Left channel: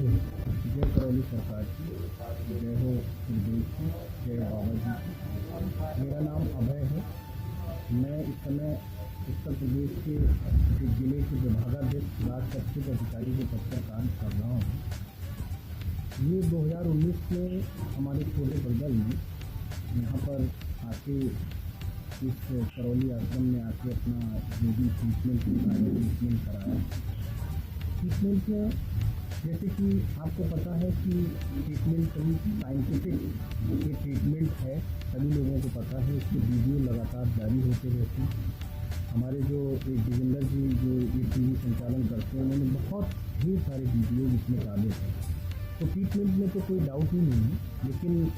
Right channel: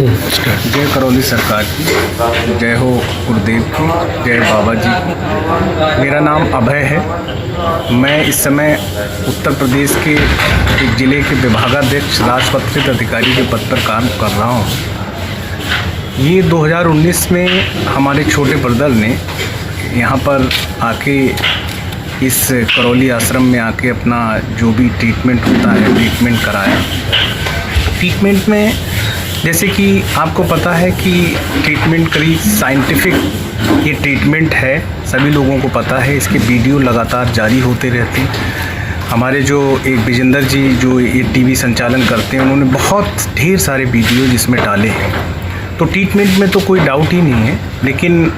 जय करौली सरकार की, जय हो गुरुदेव की, जय बाबा जी की। मेरा नाम अभय है। मैं इस समय उत्तर प्रदेश के एक ज़िले के विभागाध्यक्ष राजपत्रित अधिकारी के पद पर काम कर रहा हूँ। ये 2019 में हमारे छोटे ब्रदर ने यहाँ पर आके इस करौली आश्रम में आके अपना जो भी ट्रीटमेंट होता है ट्रीटमेंट कराया। ट्रीटमेंट में जैसे कि आपको पता है कि ट्रीटमेंट करीब साइंटिफिक ये ट्रीटमेंट है, सभी लोगों को पता है। इसके वीडियो लगातार जारी होते रहते हैं। हमारे जो एक विजेंद्र जी जो ये टीवी संचालन करते हैं, उन्होंने बहुत ढेर सारे वीडियो जिसमें डाले हैं। तो ट्रीटमेंट में तो कोई डाउट ही नहीं है, लेकिन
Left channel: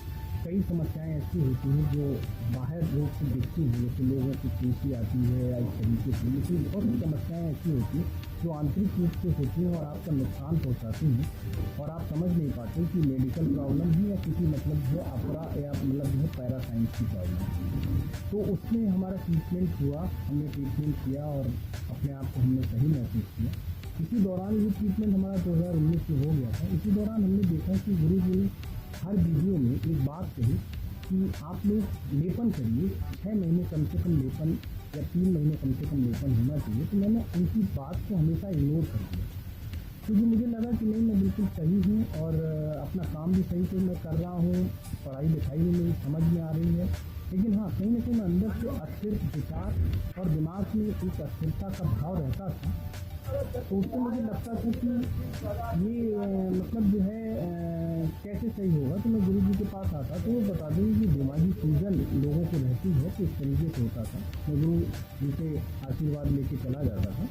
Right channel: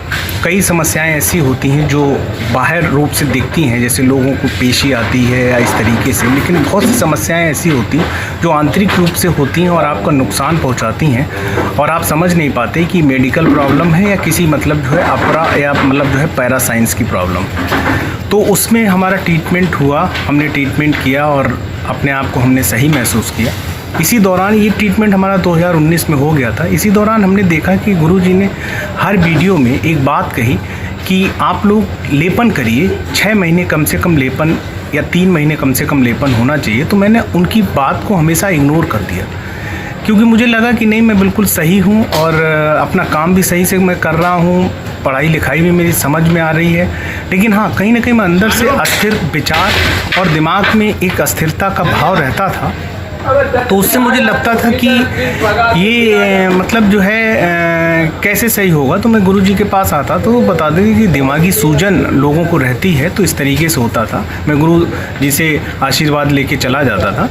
कई समस्याएं ऐसी होती हैं जो बाहर रूप से दिखती हैं, जैसे लोगों को पेशी आती है या इस तरीके से, लेकिन बहुत सी समस्याएं ऐसी होती हैं जो आंतरिक रूप से होती हैं और आपका नुकसान पहुंचाती हैं और आप समझ नहीं पाते कि मेडिकल प्रॉब्लम है या किसी मतलब जो है अपरा या मतलब जो है पैरासाइंस की प्रॉब्लम। तो उसमें हमारा ट्रीटमेंट हुआ, हमने ट्रीटमेंट किया और अपने आप को हमने सही महसूस किया। इसी दौरान ये ट्रीटमेंट हमारा 2019 में हो गया था। इसी दौरान हमने देखा कि गुरुजी ने हर वीडियो में एक बात कही कि आप लोग लेपन करिए, 6 महीने कम से कम लेपन या 3 महीने कम से कम लेपन होना चाहिए। तो मैंने उनकी बात को हमेशा इग्नोर कर दिया, क्योंकि मुझे लगा कि नहीं, मैं बिल्कुल सही हूँ और अपना काम भी सही से मैं कर रहा हूँ, पढ़ाई लिखाई भी मेरी समझ में आ रही है। लेकिन हाँ, कहीं ना कहीं मैं अंदर से अस्थिर विचार और दिमाग में एक अस्थिरता का भाव रहता था। तो उससे मुझे लगता था कि ये मतलब जो है कैसे सही होगा। तो मैं गुरुजी के पास आता तो वो बता देंगे कि दिमागी सूजन लोगों को रहती है, तो इस तरीके से होता था। मैं गुरु जी से आशीर्वाद लेके चला जाता था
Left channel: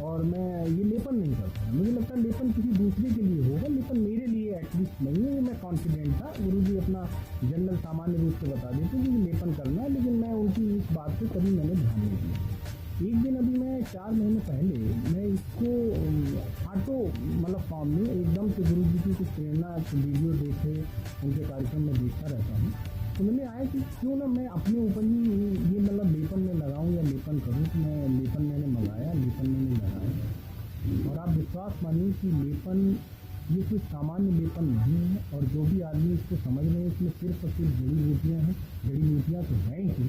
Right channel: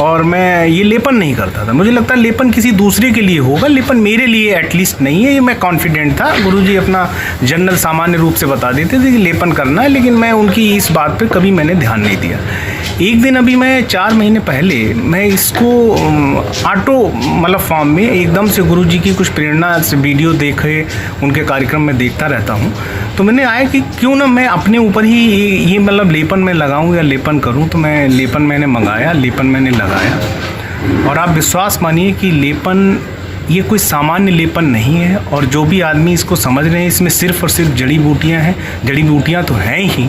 और मैं ये लेपन नहीं करता था। मुझे लगता लेपन किसी दूसरे के लिए होगा, लेपन मेरे लिए एटलीस्ट नहीं है, ये मैं कॉन्फिडेंट था। गुरुजी अपना जनरल सामान्य रूप से बता देते थे कि लेपन करना है, लेकिन मैं उनकी इस बात पे कभी मैंने ध्यान नहीं दिया। एक दिन अभी मैं 4 महीने पहले मैं इसको ऑटो मतलब फॉर्म में एकदम से गुरुजी की कुछ प्रेरणा से वीडियो देखे, उनके कार्यक्रम में देखता रहता हूँ। तो मैंने आया कि क्यों ना मैं अपने ऊपर ही ये मतलब लेपन में लगाऊं या लेपन करूं। तो मैं लेपन मैंने मंगाया, लेपन मैंने लगाया और आप विश्वास मानिए कि लेपन ये कोई सामान्य लेपन नहीं है। और जो भी आदमी इसको समझ रहे हैं, इसमें सिर्फ़ और सिर्फ जड़ी बूटियाँ हैं। जड़ी बूटियाँ तो हैं ही,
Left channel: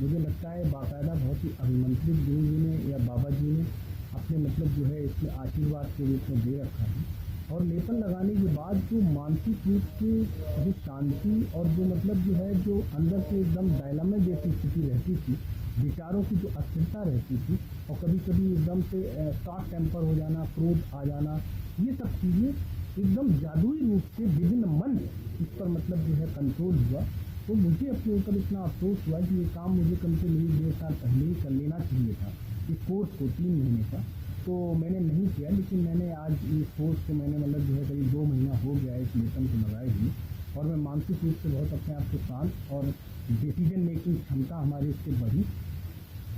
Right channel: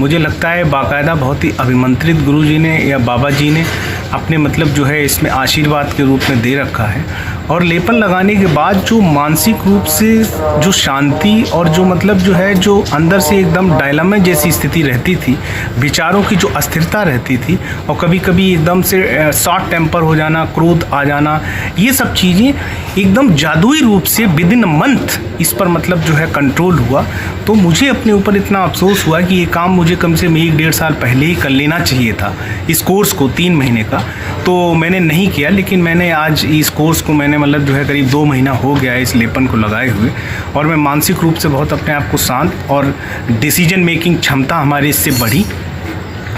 मुझे लगता है बाकायदा बहुत ही अभिमंत्रित गुरुजी ने या बाबा जी ने अपने मतलब जो है इसमें आशीर्वाद के रूप में दे रखा है। और लेपन लगाने के बाद जो मानसिक रूप से जो शांति और जो मतलब जो है जो अंदर से एकदम डायलमा जैसी स्थिति रहती थी, विचारों की जो अस्थिरता रहती थी और कभी कभी एकदम से शॉर्ट टेम्पर हो जाना, क्रोध आ जाना, ये सब चीज़ें एकदम जादुई रूप से विद इन अ मंथ इस पर मतलब जो है कंट्रोल हुआ। तो मुझे अपने ऊपर इतना अफसोस हुआ कि ये काम मुझे कम से कम 1-1.5 साल पहले ही कर लेना चाहिए था, इस कोर्स को 3 महीने का। तो मैंने नहीं किया, लेकिन मैंने आज इस कोर्स को मैंने मतलब जो है करीब 2 महीना हो गया है इस लेपन को लगाए हुए, और मैं मानसिक रूप से बहुत अपने आप को शांत और डिसीजन मेकिंग क्षमता हमारी इससे बढ़ी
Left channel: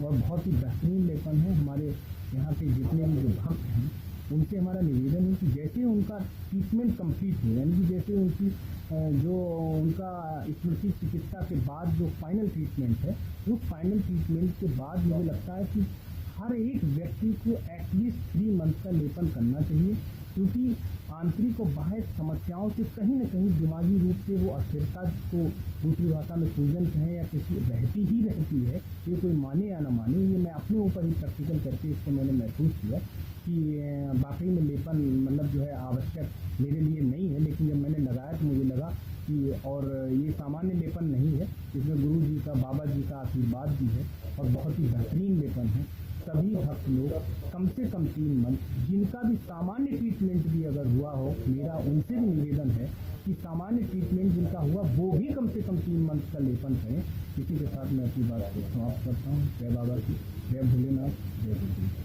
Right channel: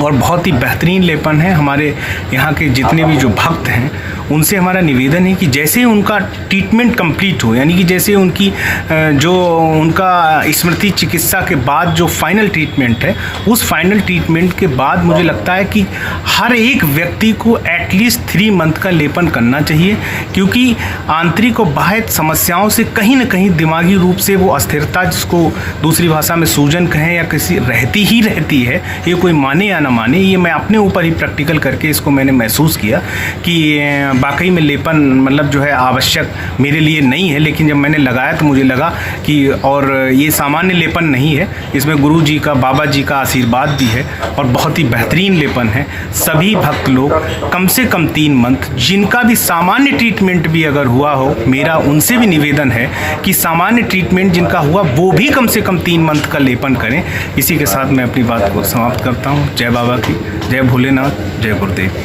और बहुत ही बेहतरीन लेपन है। हमारे यहाँ के जितने भी जो भक्त हैं उनसे हमारा निवेदन है कि जैसे उनका ट्रीटमेंट कंप्लीट हो, यानी कि जैसे उनकी जो उनका स्मृति चिकित्सा के बाद जो फाइनल ट्रीटमेंट है, उस फाइनल ट्रीटमेंट के बाद मुझे लगता है कि हर एक व्यक्ति को एटलीस्ट 3 मंथ का लेपन करना चाहिए, क्योंकि आंतरिक और बाह्य समस्याओं से कहीं ना कहीं दिमागी रूप से वो अस्थिरता, जिसको दूसरी भाषा में सूजन कहें या किसी रहती ही रहती है, ये कोई माने या ना माने, ये मैं अपने ऊपर ही प्रैक्टिकल करके इसको मैंने महसूस किया कि वाकई में लेपन मतलब जो है आवश्यक मेरे लिए नहीं है। लेकिन जब मैंने लगाया तो मुझे लगा कि और ये सामान्य लेपन नहीं है, इसमें गुरु जी का, बाबा जी का आशीर्वाद भी है और बहुत ही बेहतरीन लेपन है। सभी भक्त लोग कम से कम 3 मंथ, जिनका भी सामान्य ट्रीटमेंट भी अगर हुआ हो, मेरा उनसे भी निवेदन है कि सामान्य ट्रीटमेंट जिनका हुआ वो भी कम से कम 3 मंथ का लेपन करें। इसी के साथ मैं अपनी बात को समाप्त करता हूँ। जय बाबा की, जय भोलेनाथ, जय गुरुदेव।